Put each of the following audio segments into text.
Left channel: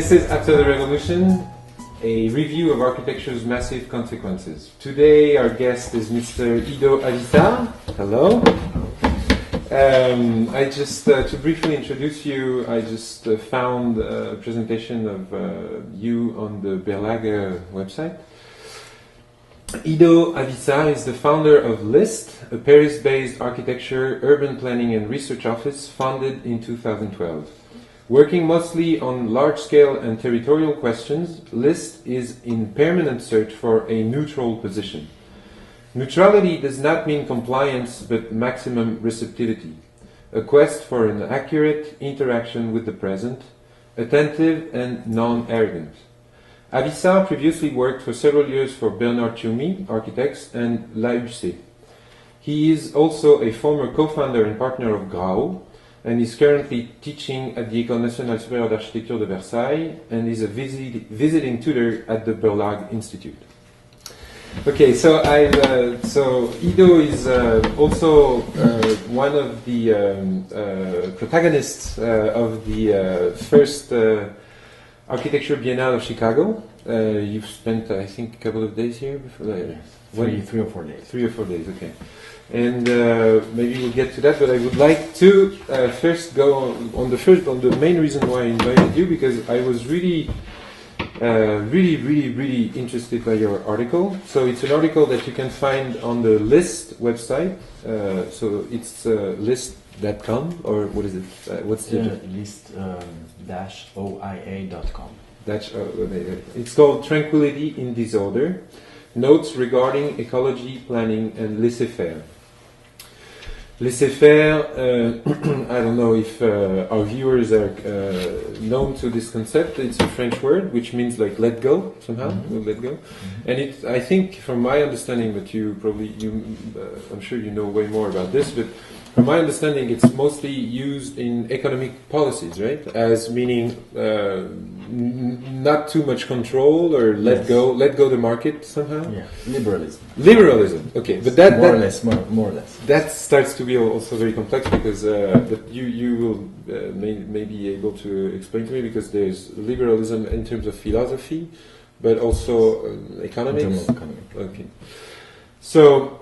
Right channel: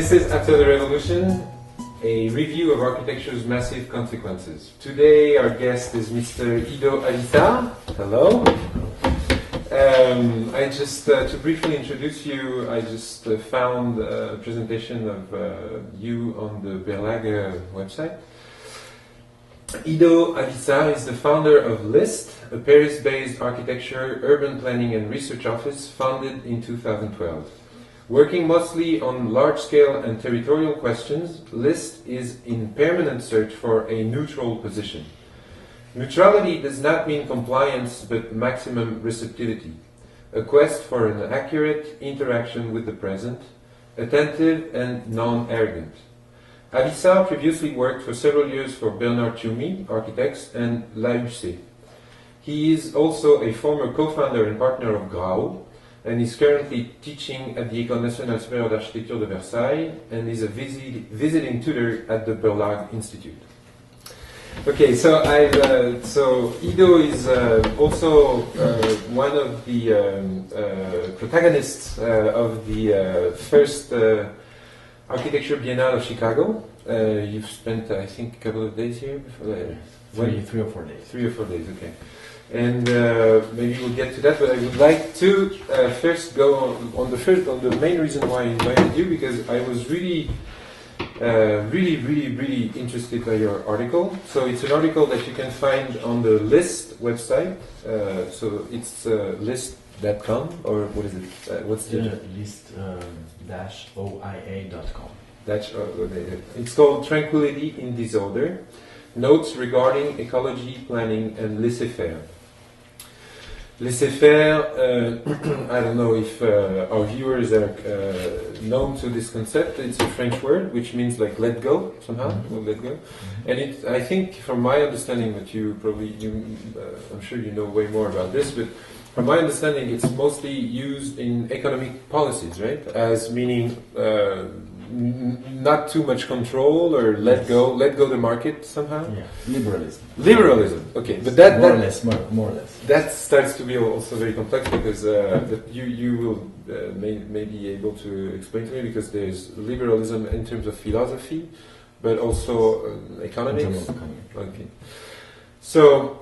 This is After the Revolution, a review of architecture's massive consequences. Today our guest is Mr. Ido Avissar. Hello. To briefly introduce you, I just found a presentation of you on the Berlage website. Ido Avissar is the founder of LIST, a Paris-based architecture, urban planning and research office founded in 2012. Working mostly on large-scale and territorial questions, LIST is in permanent search for a neutral position. Neutrality does not mean compliance, but maximum receptivity. A quest for an accurate interaction with the present, attentive and non-arrogant. Avissar previously worked for several years for Bernard Tschumi, Architects, and Laissez-faire. He is also a former co-founder and partner of Grau, and is currently teaching at the École Nationale Supérieure d'Architecture de Versailles, and is a visiting tutor at the Berlage Institute. Okay, so Ido is also one of the protagonists of the first Architecture Biennale of Chicago. You've spent, I think, a couple of days here before. Three or 4 days. 3 or 4 days, okay. And maybe we'll get to that, but I would like to first go on the main reason why I invited you, because I was really interested by your article. So it's an article that you can find on the LIST website. So it's list.com, or what is it? What's the list-oia.com. It's called Tranquility in Disorder: Notes Regarding Ecology, Planning and Laissez-faire. Laissez-faire, I don't know if our viewers are known to this concept. It's a French word which means like let go, somehow, let go. And it, I think, from my understanding, but I'm sure you know way more about this, but from my understanding, it's mostly used in economic policies, right? As meaning not too much control, or let go the market somehow. Yeah, liberalism. Liberalism. Okay, but that more or less. That starts to be also very complex, because but you will may be able to explain to me, because there's liberalism in terms of philosophy, but also economics. In terms of economic. Okay, so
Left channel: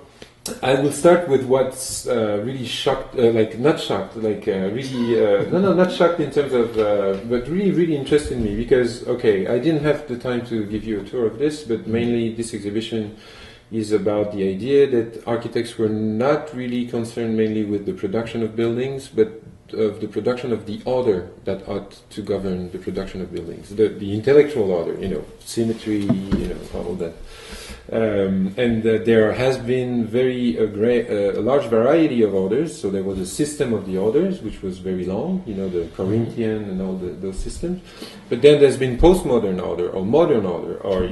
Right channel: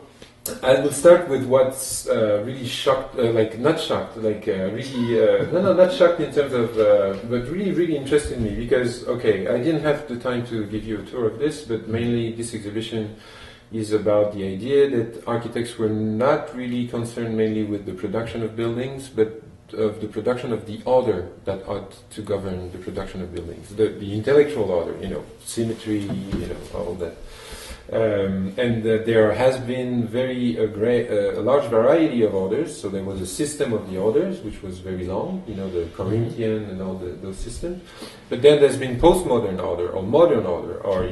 I will start with what's really shocked, not shocked, not shocked in terms of, but really interested me, because, okay, I didn't have the time to give you a tour of this, but mainly this exhibition is about the idea that architects were not really concerned mainly with the production of buildings, but of the production of the order that ought to govern the production of buildings, the intellectual order, symmetry, all that. And there has been a large variety of orders. So there was a system of the orders, which was very long, the Corinthian and all those systems. But then there's been postmodern order, or modern order, or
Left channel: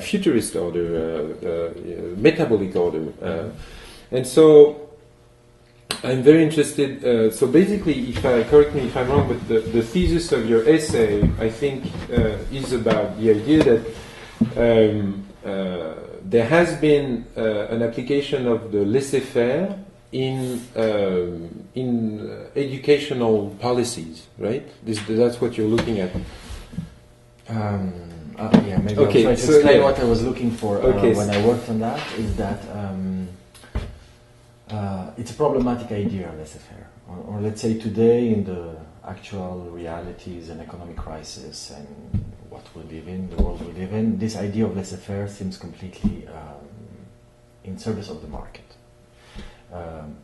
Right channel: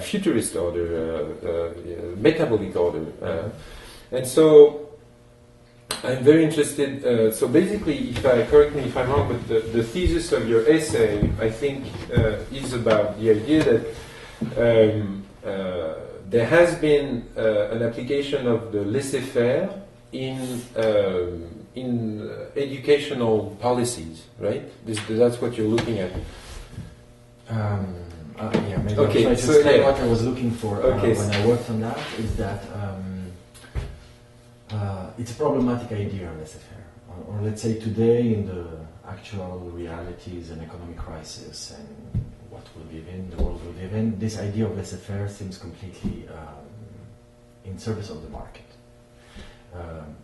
futurist order, metabolic order, and so I'm very interested. So basically, correct me if I'm wrong, but the thesis of your essay, I think, is about the idea that there has been an application of the laissez-faire in educational policies, right? That's what you're looking at. Maybe okay, I'll try to explain what I was looking for when I worked on that. Is that it's a problematic idea, laissez-faire, or let's say today, in the actual realities and economic crisis and what we live in, the world we live in, this idea of laissez-faire seems completely in service of the market.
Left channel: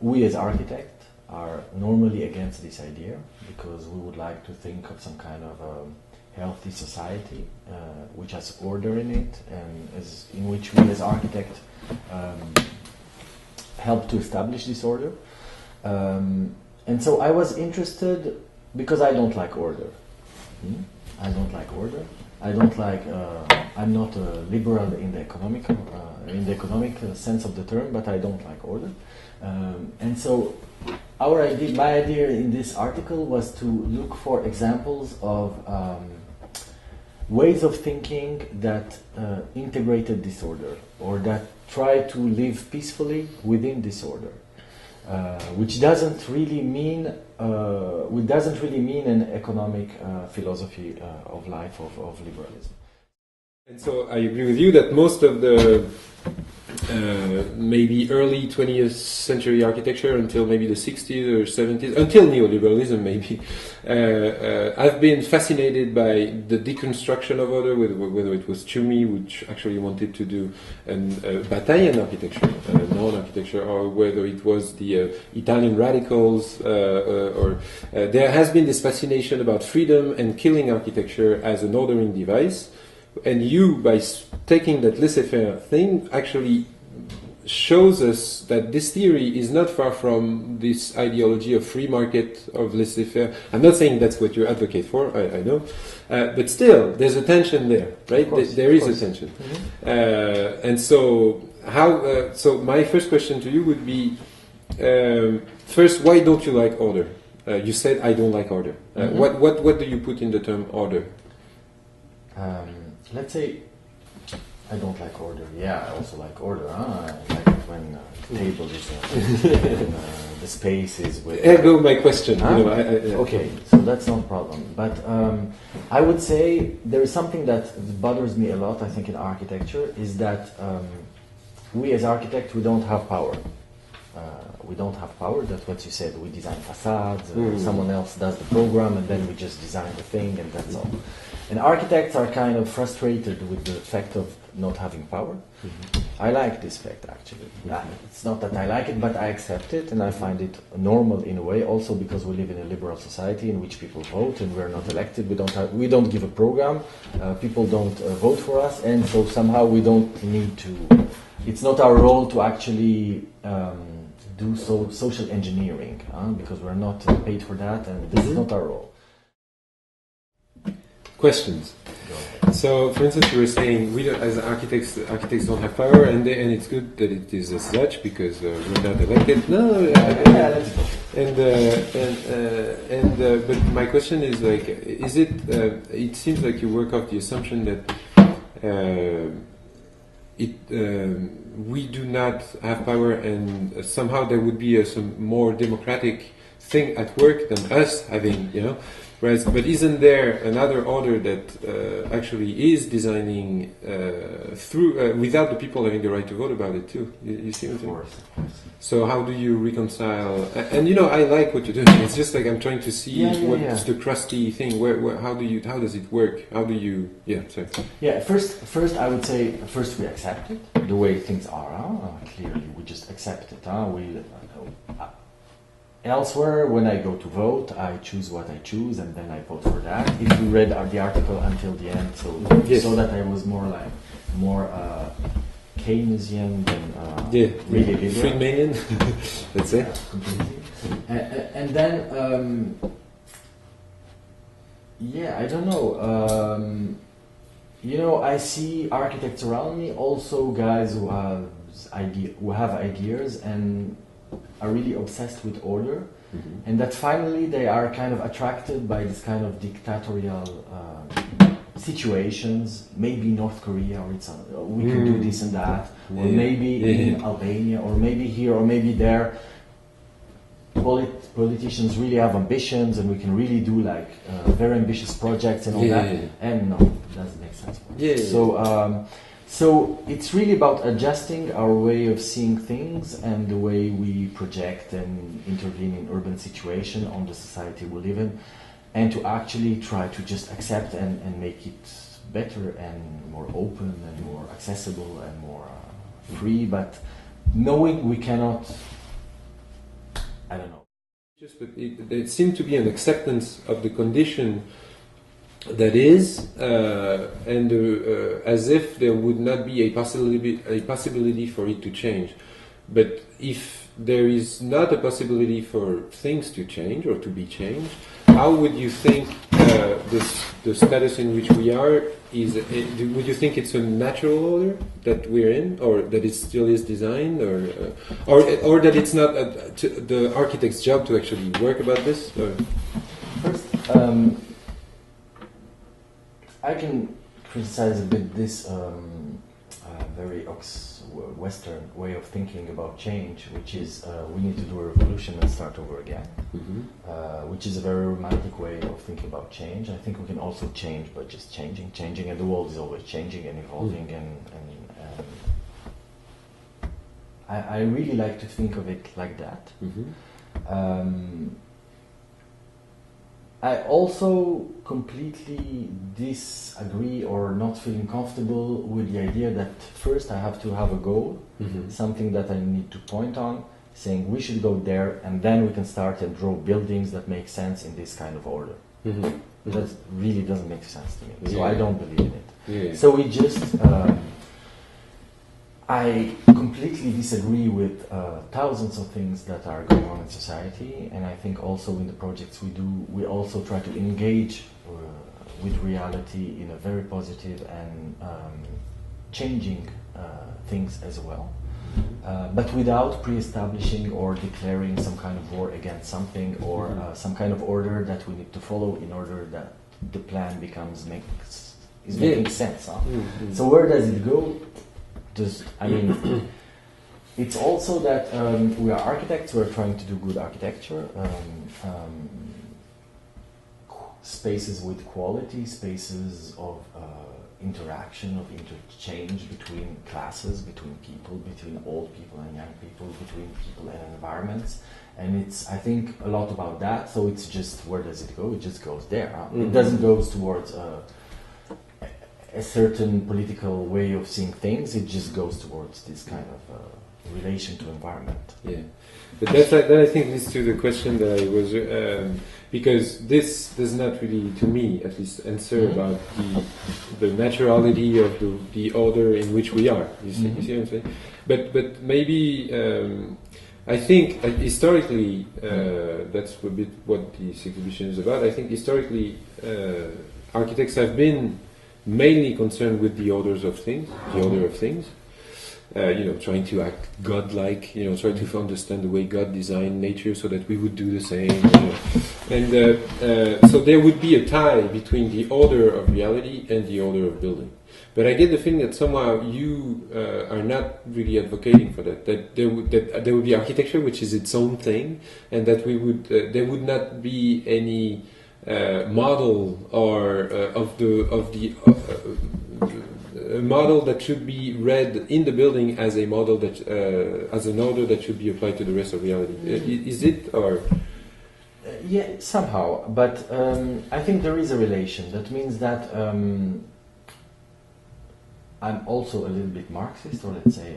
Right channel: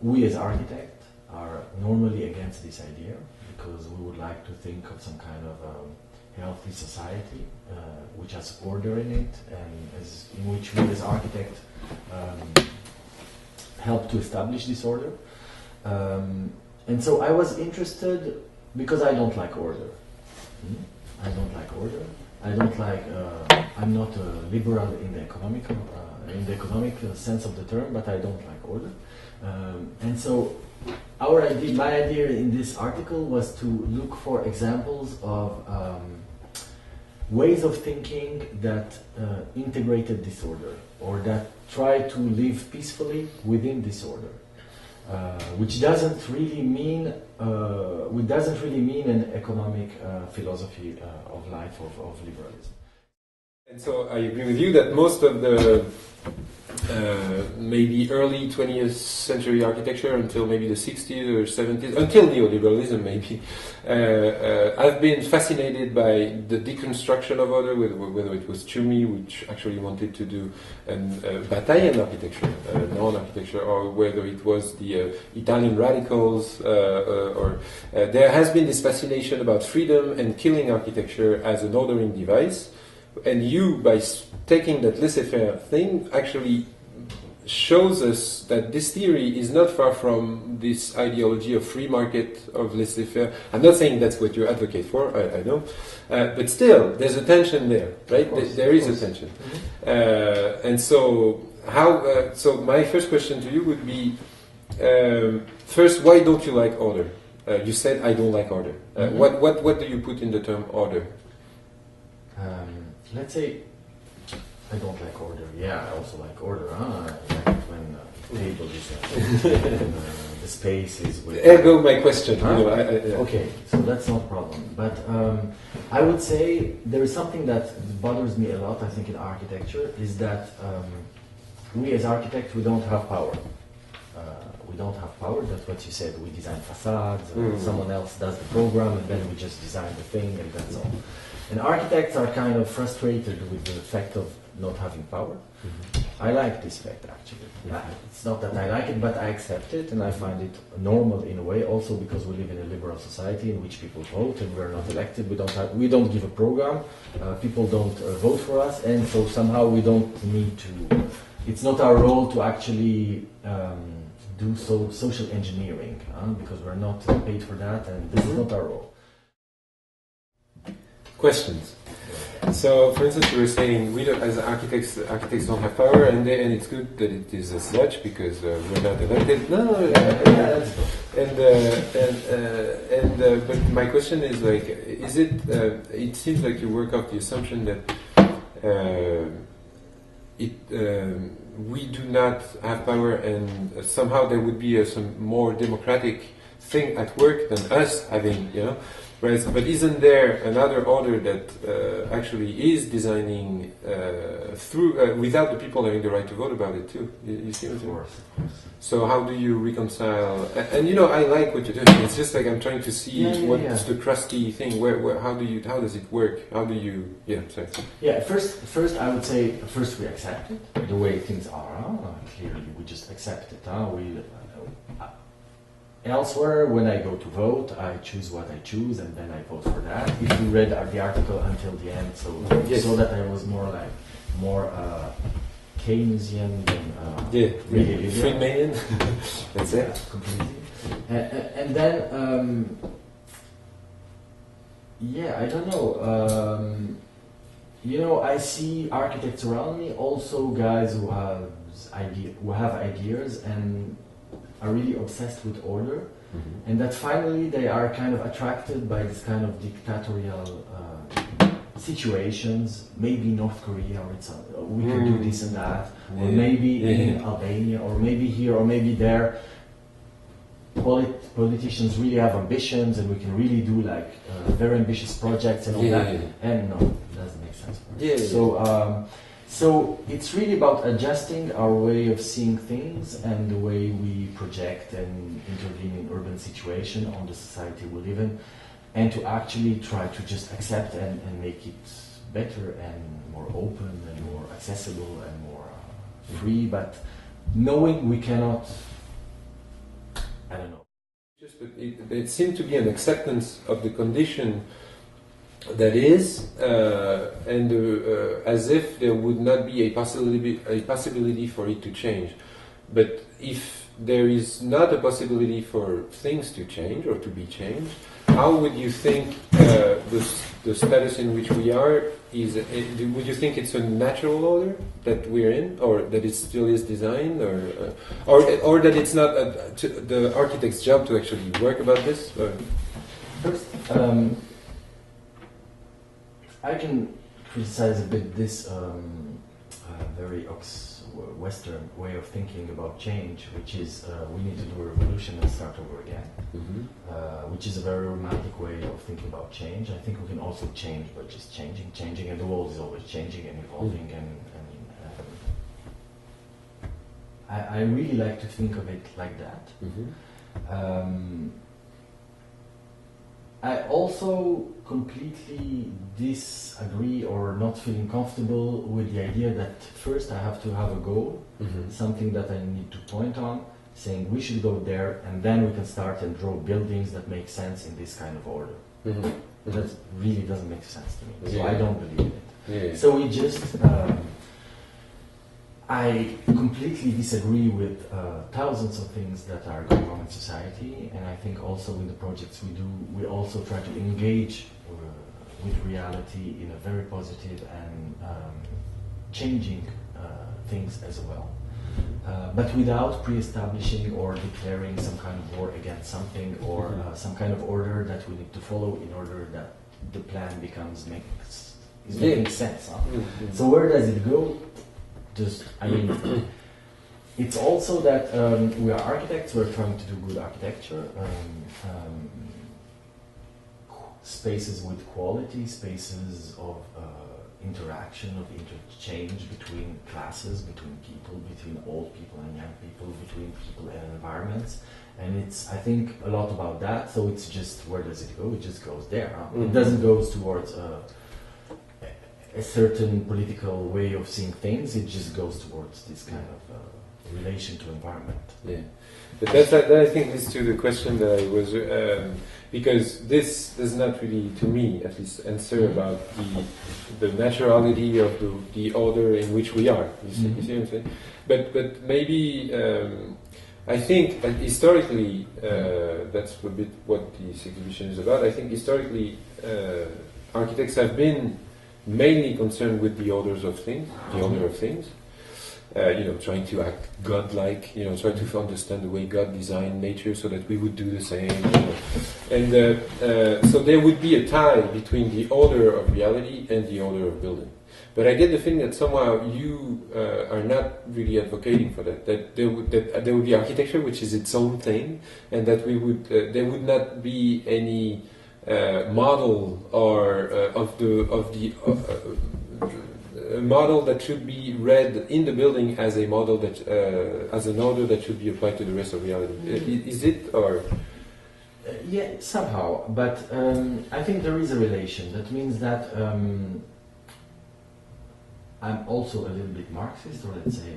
We as architects are normally against this idea, because we would like to think of some kind of healthy society which has order in it, and in which we as architects help to establish this order. And so I was interested, because I don't like order. I don't like order. I don't like. I'm not a liberal in the economic sense of the term, but I don't like order. And so, my idea in this article was to look for examples of ways of thinking that integrated disorder, or that try to live peacefully within disorder, which doesn't really mean which doesn't really mean an economic philosophy of life of liberalism. And so I agree with you that most of the maybe early 20th century architecture until maybe the 60s or 70s, until neoliberalism maybe, I've been fascinated by the deconstruction of order, whether it was Ciumi, which actually wanted to do Bataille architecture, non-architecture, or whether it was the Italian radicals, or there has been this fascination about freedom and killing architecture as an ordering device. And you, by taking that laissez-faire thing, actually shows us that this theory is not far from this ideology of free market, of laissez-faire. I'm not saying that's what you advocate for, I know. But still, there's a tension there, right? There is a tension. Mm-hmm. And so, so my first question to you would be, first, why don't you like order? You said, I don't like order. Mm-hmm. What do you put in the term order? Let's say I don't like order. Yeah, I also like order. I like it when the table is and, the space is with... Ergo my question. Huh? You know, okay, so that's not a problem. But I would say there is something that bothers me a lot, I think, in architecture, is that we as architects, we don't have power. We don't have power, that's what you said. We design facades, someone else does the program, and then we just design the thing, and that's all. And architects are kind of frustrated with the fact of not having power. Mm-hmm. I like this fact, actually. It's not that I like it, but I accept it, and I find it normal in a way, also because we live in a liberal society in which people vote, and we're not elected. We don't give a program. People don't vote for us, and so somehow we don't need to... It's not our role to actually... do social engineering, because we're not paid for that, and this is not our role. Questions. So, for instance, you were saying we don't, as architects don't have power, and it's good that it is as such because we're not elected. No, let's go. But my question is like, is it? It seems like you work off the assumption that we do not have power, and somehow there would be some more democratic thing at work than us having, you know. Whereas, but isn't there another order that actually is designing through without the people having the right to vote about it too? You see what I'm saying? Of course. So how do you reconcile? And you know, I like what you're doing. It's just like I'm trying to see what's the crusty thing. How does it work? How do you? Yeah. Sorry. Yeah. First, I would say first we accept it the way things are. Clearly, we just accept it. Elsewhere, when I go to vote, I choose what I choose, and then I vote for that. If you read the article until the end, so that I was more Keynesian than really liberal. Friedmanian, let's say. Completely. And then, I don't know. You know, I see architects around me, also guys who have ideas and are really obsessed with order, and that finally they are kind of attracted by this kind of dictatorial situations, maybe North Korea, or we can do this and that, or maybe in Albania, or maybe here, or maybe there. Politicians really have ambitions, and we can really do like very ambitious projects and all that. And no, it doesn't make sense. So it's really about adjusting our way of seeing things and the way we project and intervene in urban situation on the society we live in, and to actually try to just accept and make it better and more open and more accessible and more free, but knowing we cannot, I don't know. But it seemed to be an acceptance of the condition that is, and as if there would not be a possibility for it to change. But if there is not a possibility for things to change or to be changed, how would you think the status in which we are is? Would you think it's a natural order that we're in, or that it still is designed, or that it's not the architect's job to actually work about this? Or? First, I can criticize a bit this very Western way of thinking about change, which is we need to do a revolution and start over again, which is a very romantic way of thinking about change. I think we can also change by just changing, and the world is always changing and evolving, and I really like to think of it like that. I also completely disagree or not feeling comfortable with the idea that first I have to have a goal, something that I need to point on, saying we should go there, and then we can start and draw buildings that make sense in this kind of order. That really doesn't make sense to me, so I don't believe in it. So we just... I completely disagree with thousands of things that are going on in society, and I think also in the projects we do, we also try to engage with reality in a very positive and changing things as well, but without pre-establishing or declaring some kind of war against something, or some kind of order that we need to follow in order that the plan is making sense. So where does it go? I mean, it's also that we are architects, we're trying to do good architecture, spaces with quality, spaces of interaction, of interchange between classes, between people, between old people and young people, between people and environments. And it's, I think, a lot about that, so it's just, where does it go? It just goes there. It doesn't go towards a certain political way of seeing things, it just goes towards this kind of relation to environment. Yeah, but that I think leads to the question that I was, because this does not really, to me at least, answer about the naturality of the order in which we are. You see what I'm saying? But maybe I think historically, that's a bit what this exhibition is about. I think historically architects have been mainly concerned with the orders of things, the order of things, trying to act godlike, trying to understand the way God designed nature so that we would do the same. And so there would be a tie between the order of reality and the order of building. But I get the feeling that somehow you are not really advocating for that. That there would be architecture which is its own thing, and that there would not be any model or a model that should be read in the building as a model that as an order that should be applied to the rest of reality. Is it, or? Yeah, somehow. But I think there is a relation. That means that I'm also a little bit Marxist, or let's say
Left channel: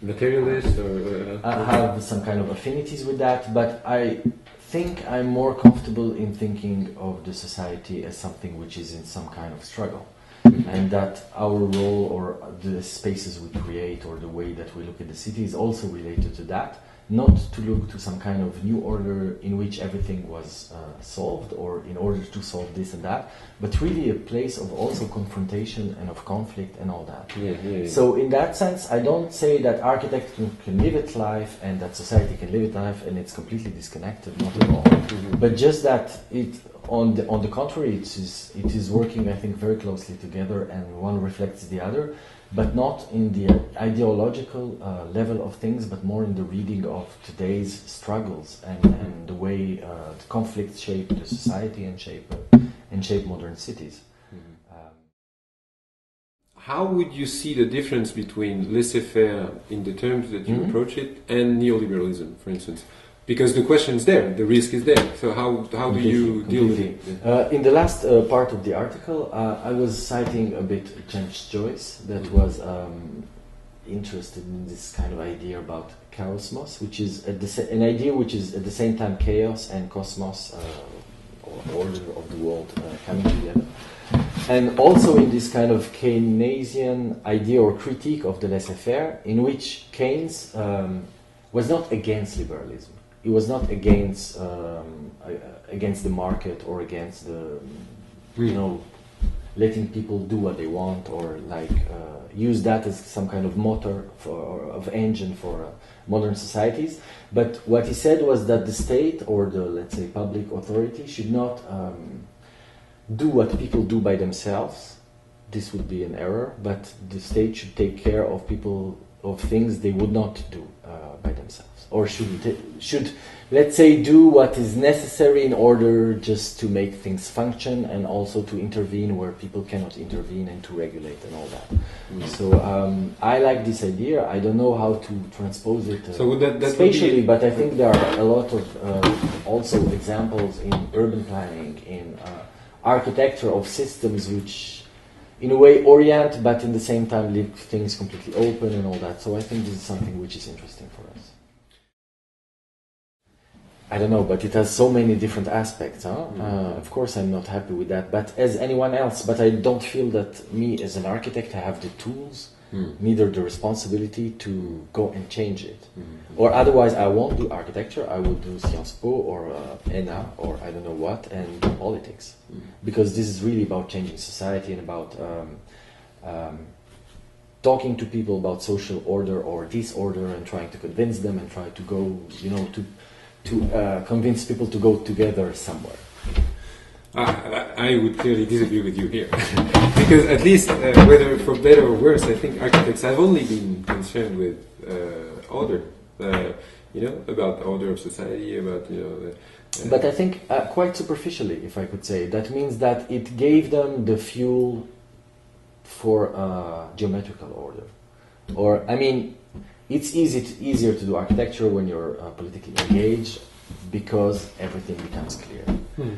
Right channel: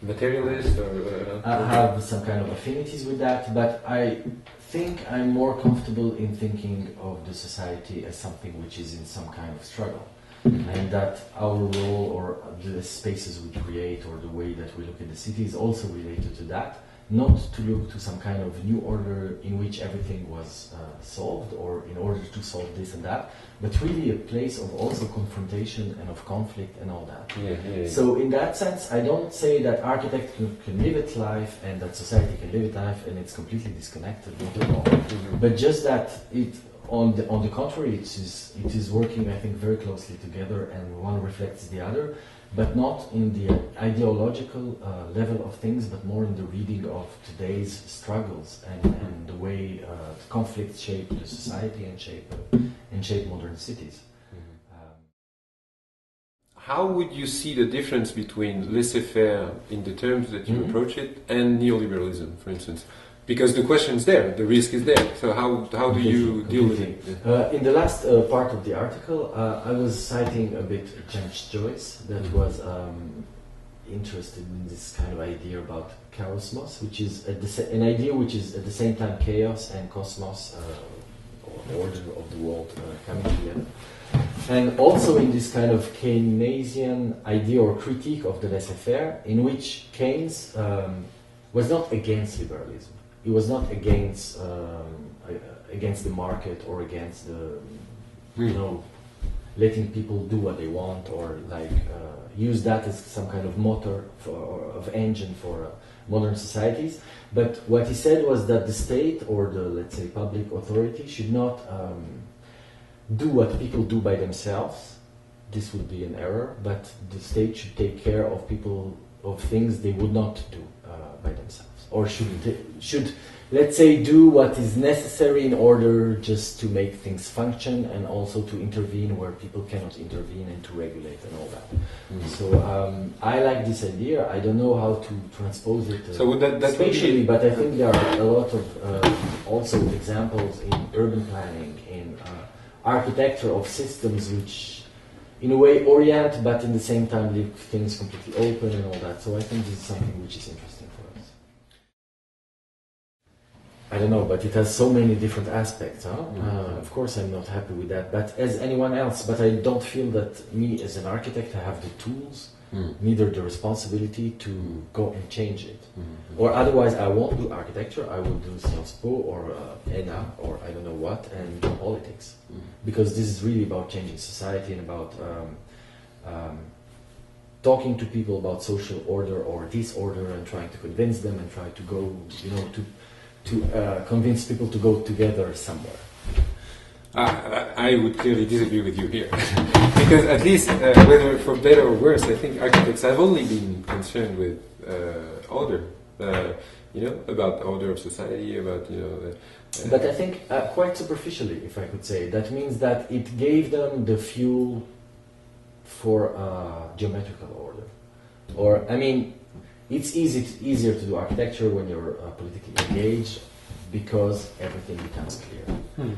materialist, or I have some kind of affinities with that, but I think I'm more comfortable in thinking of the society as something which is in some kind of struggle, and that our role or the spaces we create or the way that we look at the city is also related to that, not to look to some kind of new order in which everything was solved, or in order to solve this and that, but really a place of also confrontation and of conflict and all that. So in that sense, I don't say that architecture can live its life and that society can live its life and it's completely disconnected, not at all. But just that it, on the contrary, it is working, I think, very closely together, and one reflects the other, but not in the ideological level of things, but more in the reading of today's struggles and the way the conflicts shape the society and shape modern cities. How would you see the difference between laissez-faire in the terms that you approach it and neoliberalism, for instance? Because the question is there, the risk is there. So how do you deal with it? In the last part of the article, I was citing a bit James Joyce, that was interested in this kind of idea about chaosmos, which is an idea which is at the same time chaos and cosmos, or order of the world coming together. And also in this kind of Keynesian idea or critique of the laissez-faire, in which Keynes was not against liberalism. He was not against the market or against the, letting people do what they want, or use that as some kind of motor of engine for modern societies. But what he said was that the state or the, let's say, public authority should not do what people do by themselves. this would be an error, but the state should take care of people, of things they would not do by themselves, or should, let's say, do what is necessary in order just to make things function, and also to intervene where people cannot intervene, and to regulate and all that. So I like this idea. I don't know how to transpose it so that spatially, but I think there are a lot of also examples in urban planning, in architecture of systems which in a way orient, but in the same time leave things completely open and all that. So I think this is something which is interesting for us. I don't know, but it has so many different aspects. Huh? Of course I'm not happy with that, but as anyone else, but I don't feel that me as an architect I have the tools, neither the responsibility to go and change it. Or otherwise I won't do architecture, I will do Sciences Po or ENA or I don't know what, and politics. Because this is really about changing society and about talking to people about social order or disorder, and trying to convince them and try to go, you know, to convince people to go together somewhere. I would clearly disagree with you here, because at least whether for better or worse, I think architects have only been concerned with order, you know, about the order of society, about, you know. But I think quite superficially, if I could say, that means that it gave them the fuel for geometrical order. Or, I mean, it's easier to do architecture when you're politically engaged, because everything becomes clear.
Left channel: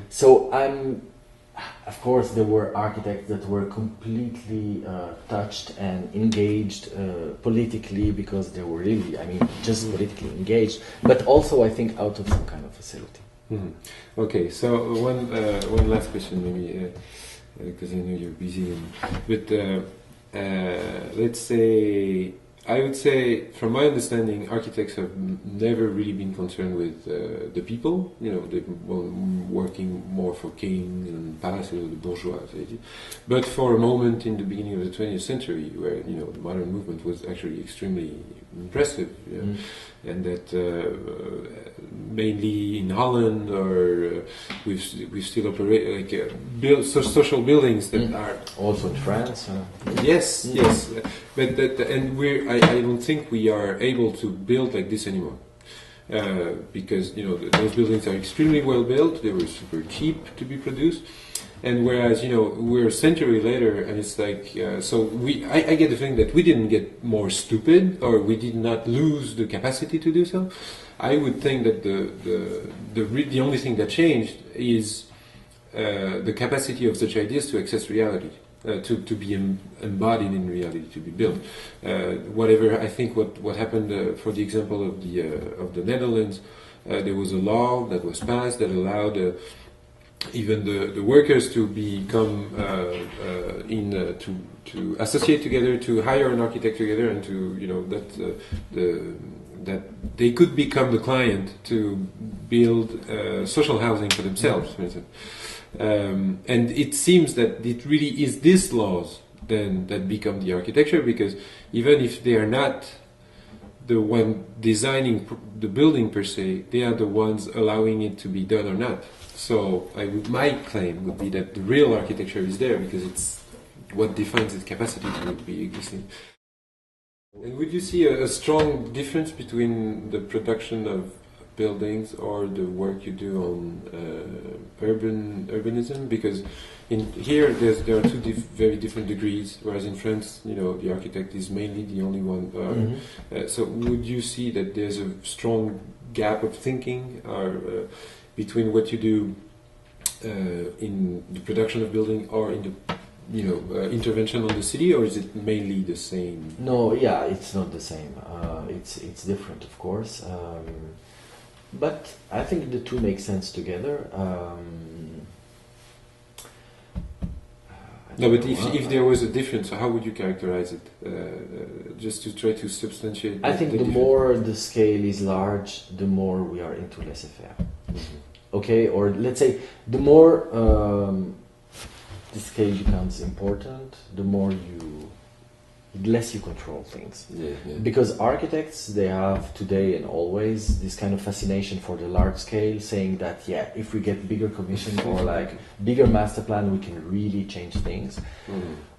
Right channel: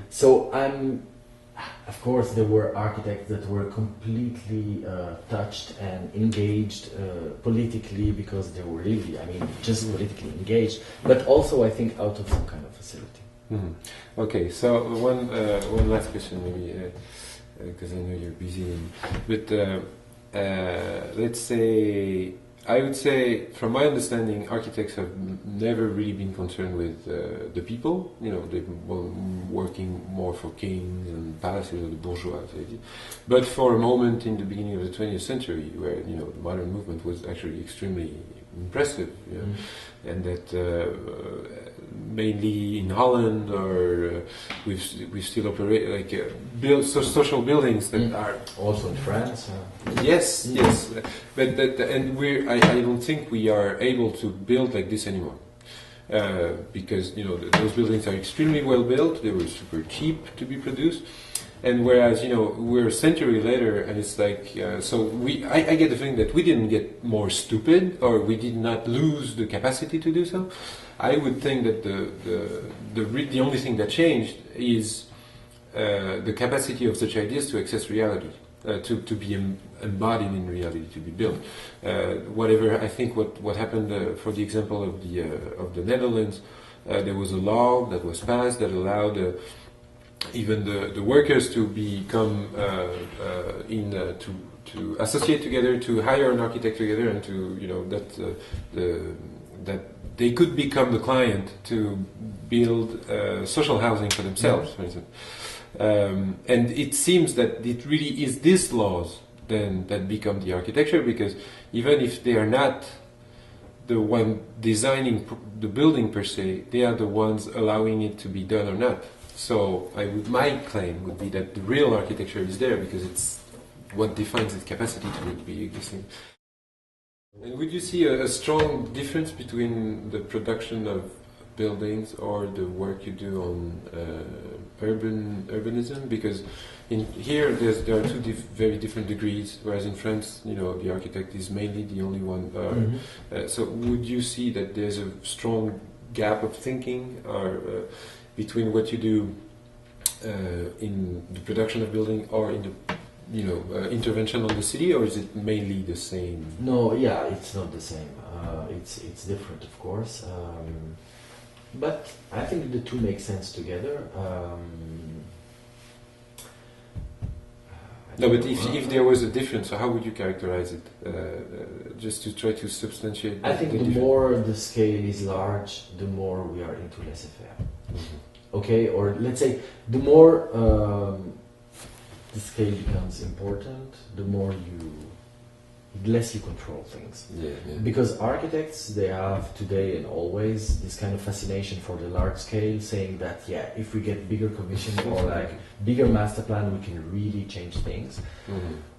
So of course there were architects that were completely touched and engaged politically, because they were really, I mean, just politically engaged, but also I think out of some kind of facility. Okay, so one last question maybe, because I know you're busy, but let's say, I would say, from my understanding, architects have never really been concerned with the people. You know, they've been working more for kings and palaces, the bourgeois. But for a moment in the beginning of the 20th century, where, you know, the modern movement was actually extremely impressive, and that mainly in Holland, or we've still operate like social buildings that are also in France. Yes, but and I don't think we are able to build like this anymore, because, you know, those buildings are extremely well built. They were super cheap to be produced. And whereas, you know, we're a century later, and it's like, so I get the feeling that we didn't get more stupid, or we did not lose the capacity to do so. I would think that the only thing that changed is the capacity of such ideas to access reality, to be embodied in reality, to be built. Whatever, I think what happened, for the example of the Netherlands, there was a law that was passed that allowed even the workers to become to associate together, to hire an architect together, and to, you know, that they could become the client to build social housing for themselves, for instance. And it seems that it really is these laws then that become the architecture, because even if they are not the one designing the building per se, they are the ones allowing it to be done or not. So my claim would be that the real architecture is there, because it's what defines its capacity to be existing. And would you see a strong difference between the production of buildings or the work you do on urbanism? Because here there are two very different degrees, whereas in France, you know, the architect is mainly the only one. So would you see that there's a strong gap of thinking between what you do in the production of building or in the, you know, intervention on the city, or is it mainly the same? No, yeah, it's not the same. It's different, of course. But I think the two make sense together. No, but if there was a difference, how would you characterize it? Just to try to substantiate. I think the more the scale is large, the more we are into laissez-faire. Okay, or let's say the more the scale becomes important, the more it lets you control things. Yeah, yeah. Because architects, they have today and always this kind of fascination for the large scale, saying that, yeah, if we get bigger commission or like bigger master plan, we can really change things.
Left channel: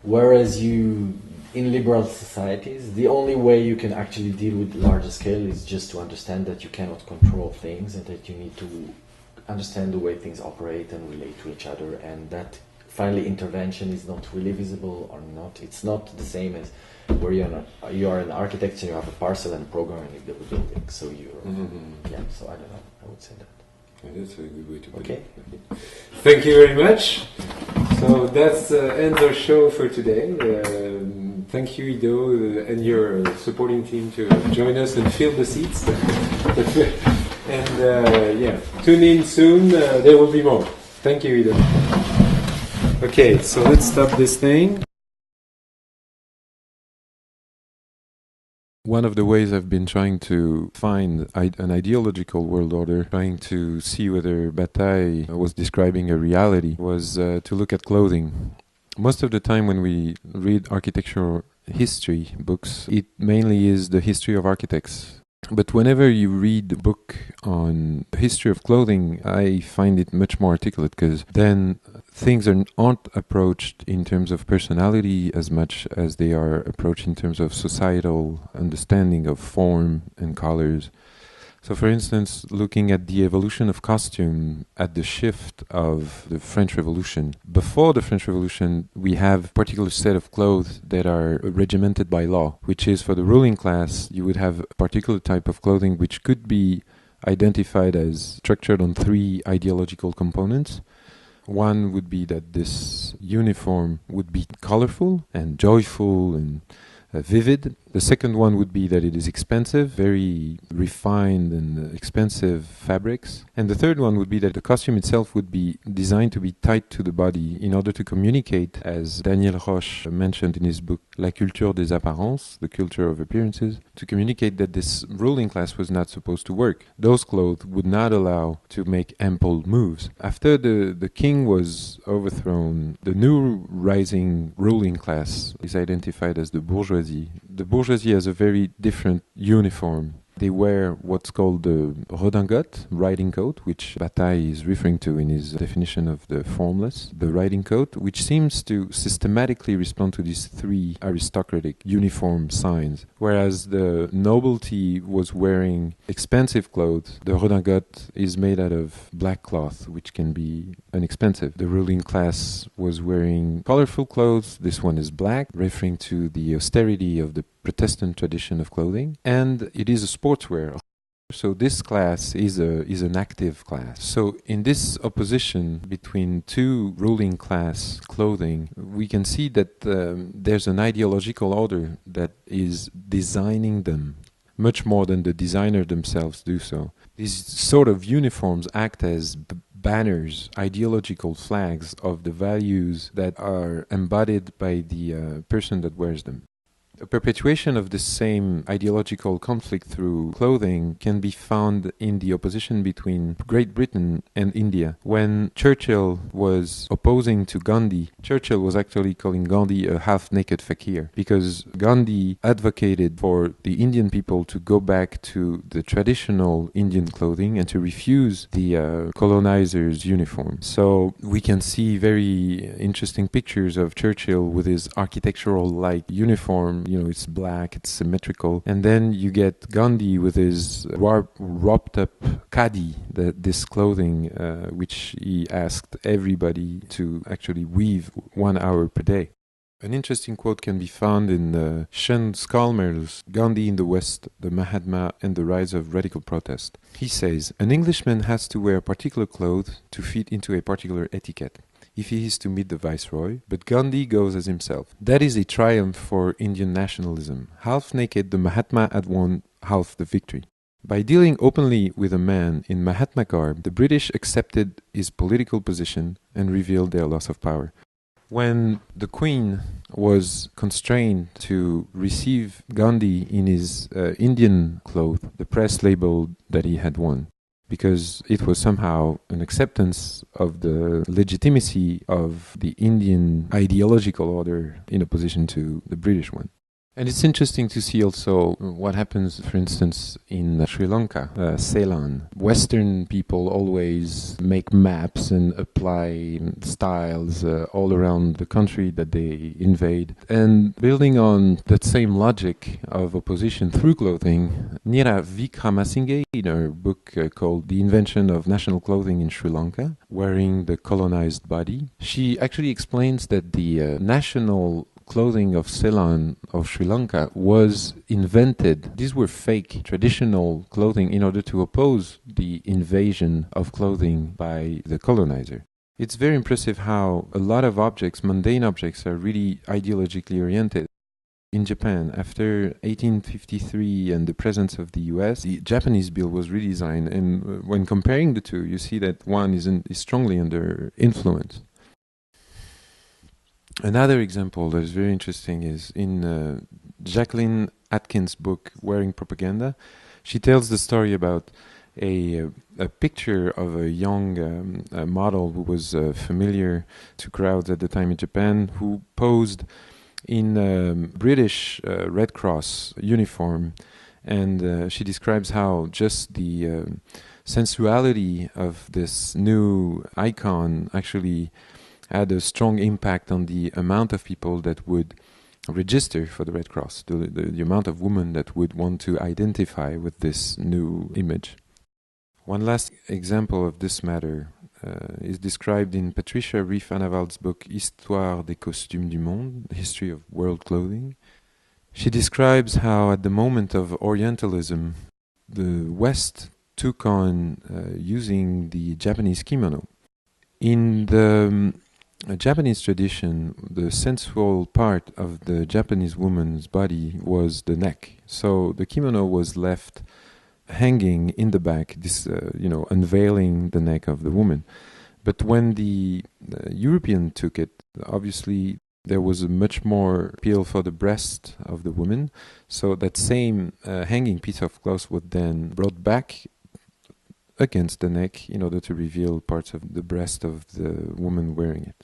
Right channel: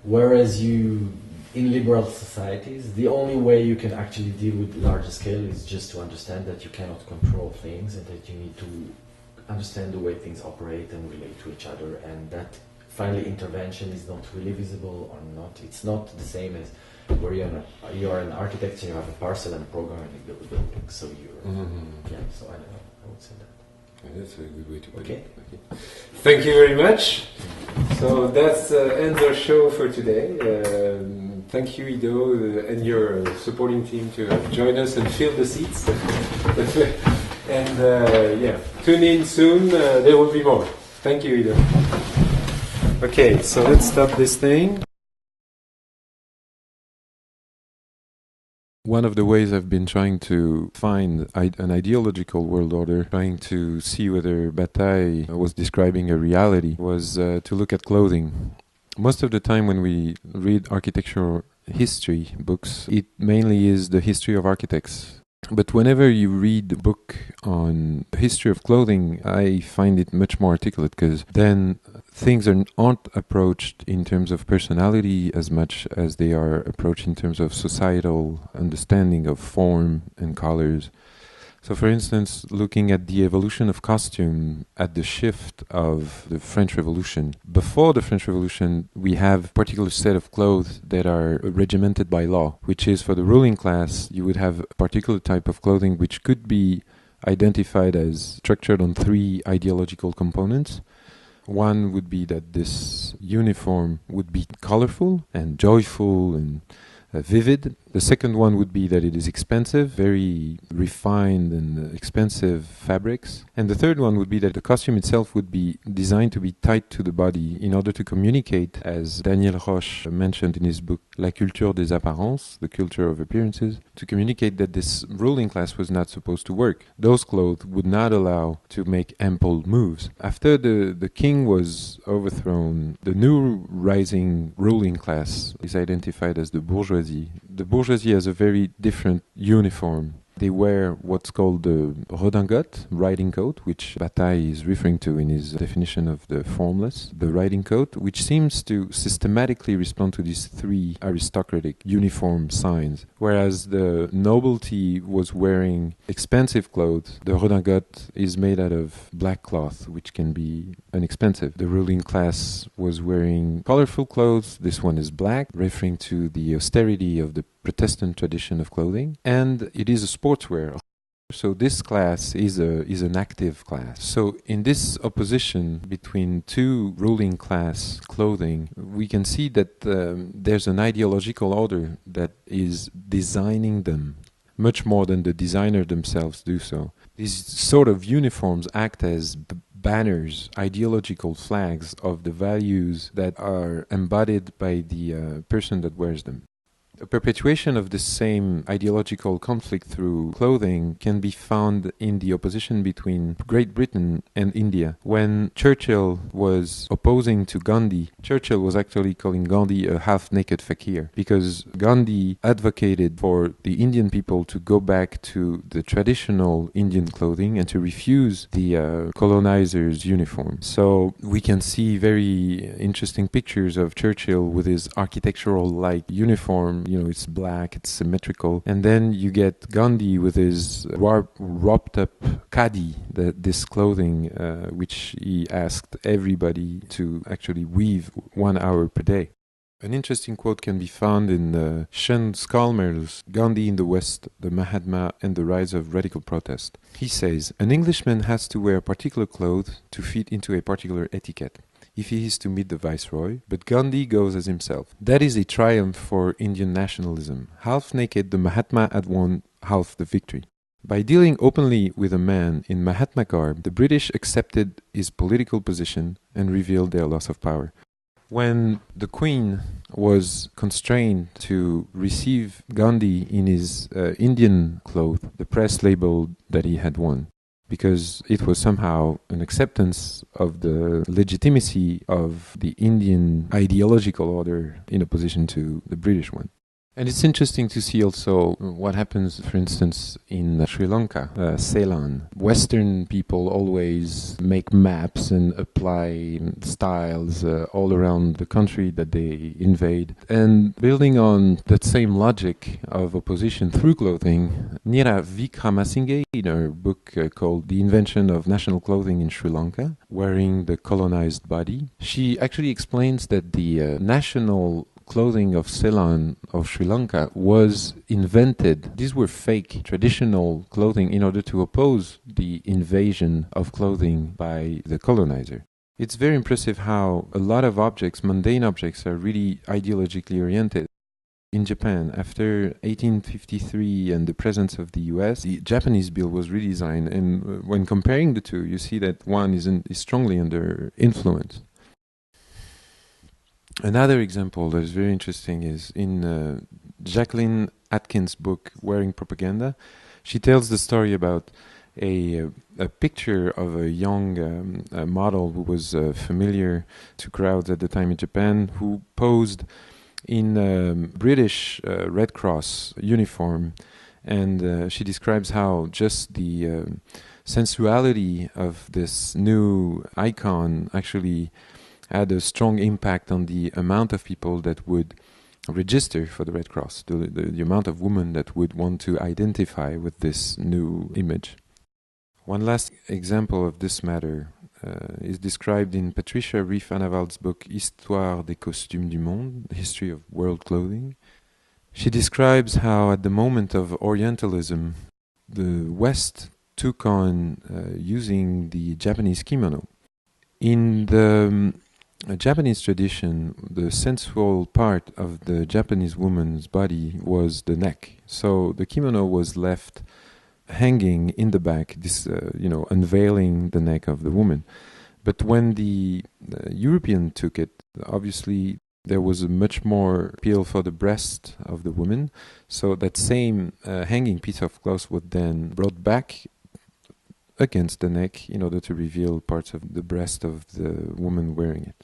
Whereas in liberal societies, the only way you can actually deal with larger scale is just to understand that you cannot control things and that you need to understand the way things operate and relate to each other, and that finally intervention is not really visible or not. It's not the same as where you are an architect and you have a parcel and a program and you build a building. So so I don't know, I would say that. That's a good way to put it. Thank you very much. So that ends our show for today. Thank you, Ido, and your supporting team to join us and fill the seats. And tune in soon. There will be more. Thank you, Ido. Okay, so let's stop this thing. One of the ways I've been trying to find an ideological world order, trying to see whether Bataille was describing a reality, was to look at clothing. Most of the time when we read architectural history books, it mainly is the history of architects. But whenever you read a book on the history of clothing, I find it much more articulate, because then things aren't approached in terms of personality as much as they are approached in terms of societal understanding of form and colors. So for instance, looking at the evolution of costume at the shift of the French Revolution. Before the French Revolution, we have a particular set of clothes that are regimented by law, which is for the ruling class, you would have a particular type of clothing which could be identified as structured on three ideological components. One would be that this uniform would be colorful and joyful and vivid. The second one would be that it is expensive, very refined and expensive fabrics. And the third one would be that the costume itself would be designed to be tight to the body in order to communicate, as Daniel Roche mentioned in his book La culture des apparences, the culture of appearances, to communicate that this ruling class was not supposed to work. Those clothes would not allow to make ample moves. After the king was overthrown, the new rising ruling class is identified as the bourgeoisie. The bourgeoisie has a very different uniform. They wear what's called the redingote, riding coat, which Bataille is referring to in his definition of the formless. The riding coat, which seems to systematically respond to these three aristocratic uniform signs. Whereas the nobility was wearing expensive clothes, the redingote is made out of black cloth, which can be inexpensive. The ruling class was wearing colorful clothes. This one is black, referring to the austerity of the Protestant tradition of clothing, and it is a sportswear. So this class is an active class. So in this opposition between two ruling class clothing, we can see that there's an ideological order that is designing them much more than the designer themselves do so. These sort of uniforms act as banners, ideological flags of the values that are embodied by the person that wears them. A perpetuation of this same ideological conflict through clothing can be found in the opposition between Great Britain and India. When Churchill was opposing to Gandhi, Churchill was actually calling Gandhi a half-naked fakir, because Gandhi advocated for the Indian people to go back to the traditional Indian clothing and to refuse the colonizers' uniform. So we can see very interesting pictures of Churchill with his architectural-like uniform. You know, it's black, it's symmetrical. And then you get Gandhi with his wrapped up khadi, this clothing, which he asked everybody to actually weave 1 hour per day. An interesting quote can be found in Sean Scalmer's Gandhi in the West, the Mahatma and the Rise of Radical Protest. He says, "An Englishman has to wear particular clothes to fit into a particular etiquette, if he is to meet the Viceroy, but Gandhi goes as himself. That is a triumph for Indian nationalism. Half naked, the Mahatma had won half the victory. By dealing openly with a man in Mahatma garb, the British accepted his political position and revealed their loss of power." When the Queen was constrained to receive Gandhi in his Indian clothes, the press labeled that he had won, because it was somehow an acceptance of the legitimacy of the Indian ideological order in opposition to the British one. And it's interesting to see also what happens, for instance, in Sri Lanka, Ceylon. Western people always make maps and apply styles all around the country that they invade. And building on that same logic of opposition through clothing, Neera Wickramasinghe, in her book called The Invention of National Clothing in Sri Lanka, Wearing the Colonized Body, she actually explains that the national clothing of Ceylon, of Sri Lanka, was invented. These were fake, traditional clothing in order to oppose the invasion of clothing by the colonizer. It's very impressive how a lot of objects, mundane objects, are really ideologically oriented. In Japan, after 1853 and the presence of the US, the Japanese bill was redesigned, and when comparing the two, you see that one is strongly under influence. Another example that is very interesting is in Jacqueline Atkins' book, Wearing Propaganda. She tells the story about a picture of a young model who was familiar to crowds at the time in Japan, who posed in a British Red Cross uniform. And she describes how just the sensuality of this new icon actually had a strong impact on the amount of people that would register for the Red Cross, the amount of women that would want to identify with this new image. One last example of this matter is described in Patricia Reef Anavald's book Histoire des costumes du monde, the history of world clothing. She describes how at the moment of Orientalism, the West took on using the Japanese kimono. In the Japanese tradition, the sensual part of the Japanese woman's body was the neck. So the kimono was left hanging in the back, unveiling the neck of the woman. But when the European took it, obviously there was a much more appeal for the breast of the woman. So that same hanging piece of cloth was then brought back against the neck in order to reveal parts of the breast of the woman wearing it.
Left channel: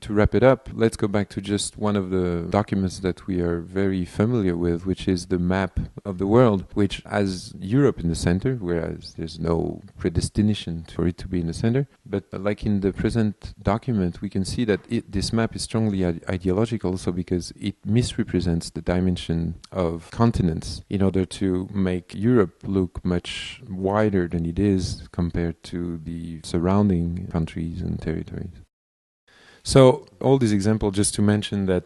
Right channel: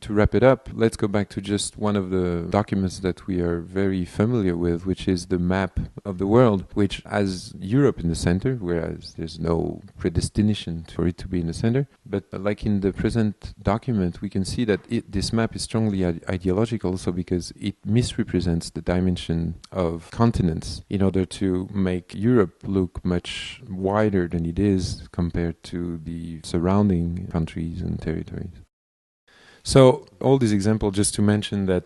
To wrap it up, let's go back to just one of the documents that we are very familiar with, which is the map of the world, which has Europe in the center, whereas there's no predestination for it to be in the center. But like in the present document, we can see that this map is strongly ideological also because it misrepresents the dimension of continents in order to make Europe look much wider than it is compared to the surrounding countries and territories. So all these examples just to mention that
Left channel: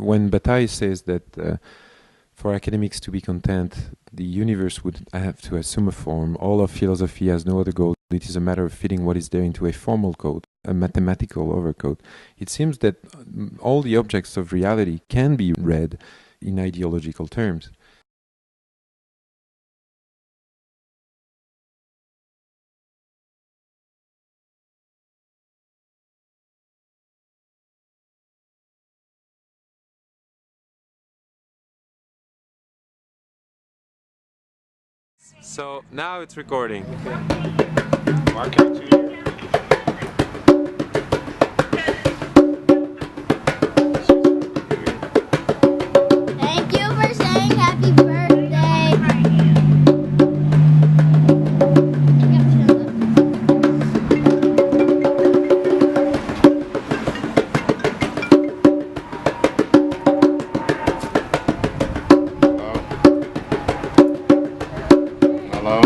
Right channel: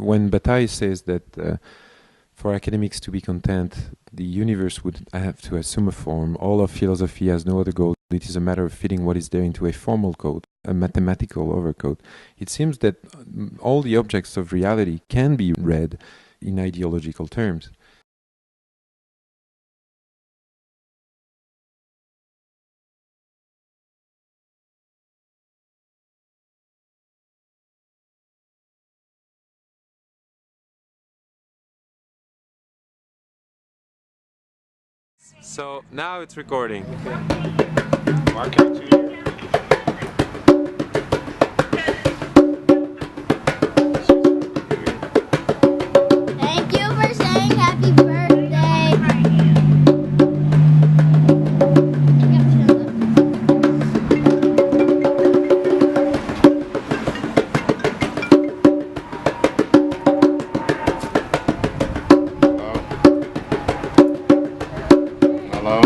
when Bataille says that for academics to be content, the universe would have to assume a form. All of philosophy has no other goal. It is a matter of fitting what is there into a formal code, a mathematical overcode. It seems that all the objects of reality can be read in ideological terms. So now it's recording. Thank you for saying happy birthday. Hello?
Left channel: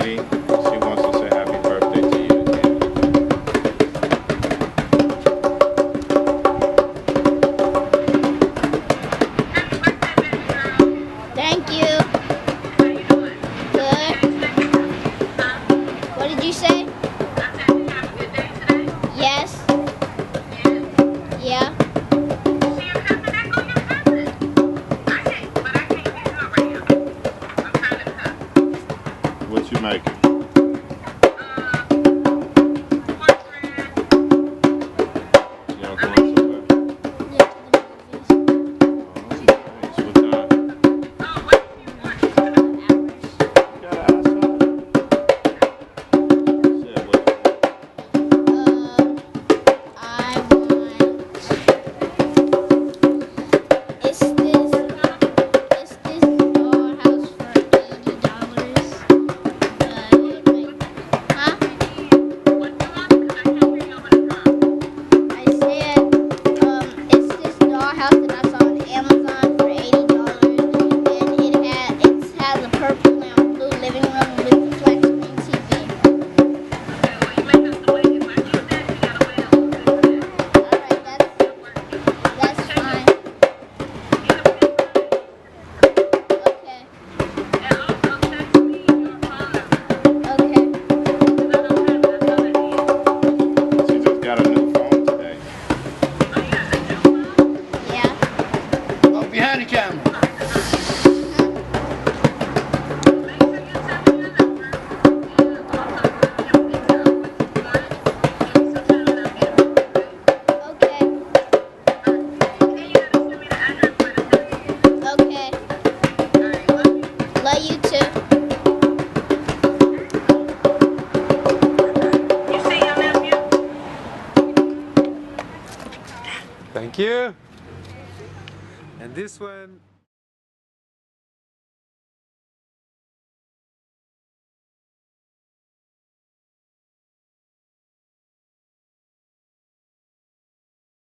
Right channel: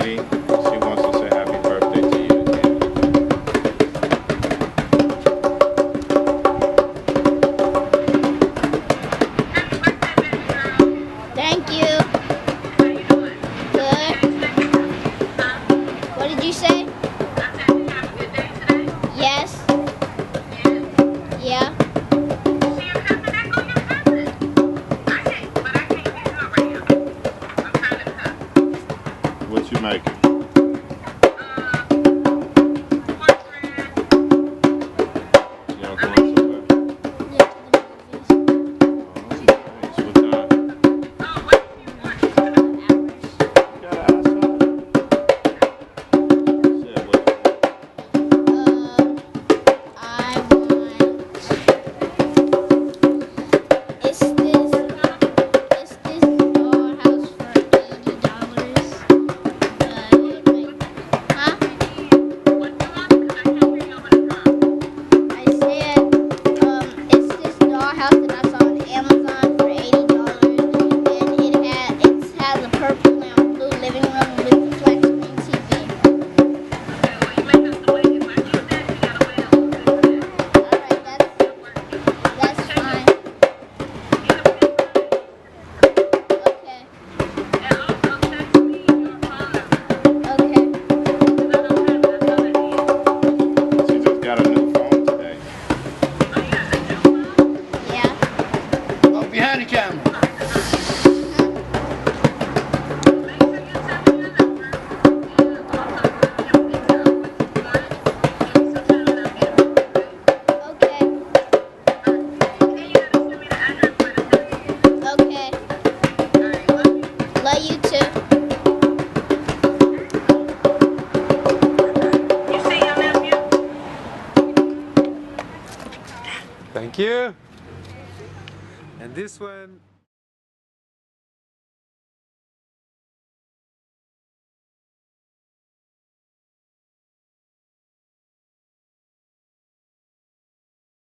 Sweetie, she wants to say happy birthday to you again. Thank you. Good. What did you say? Yes. Yeah. What you making? Y'all going somewhere? Yeah, to the movies. Oh, nice. What time? You gotta ask her. Said what? I want. It's this dollhouse for $80. Huh? I said, it's this dollhouse that I saw on Amazon for $80, and it has a purple and blue living room with a flat screen TV. Alright, that's fine. Okay. Okay. She just got a new phone today. Yeah. Oh, behind the camera. Okay. Okay. Love you too. Thank you. And this one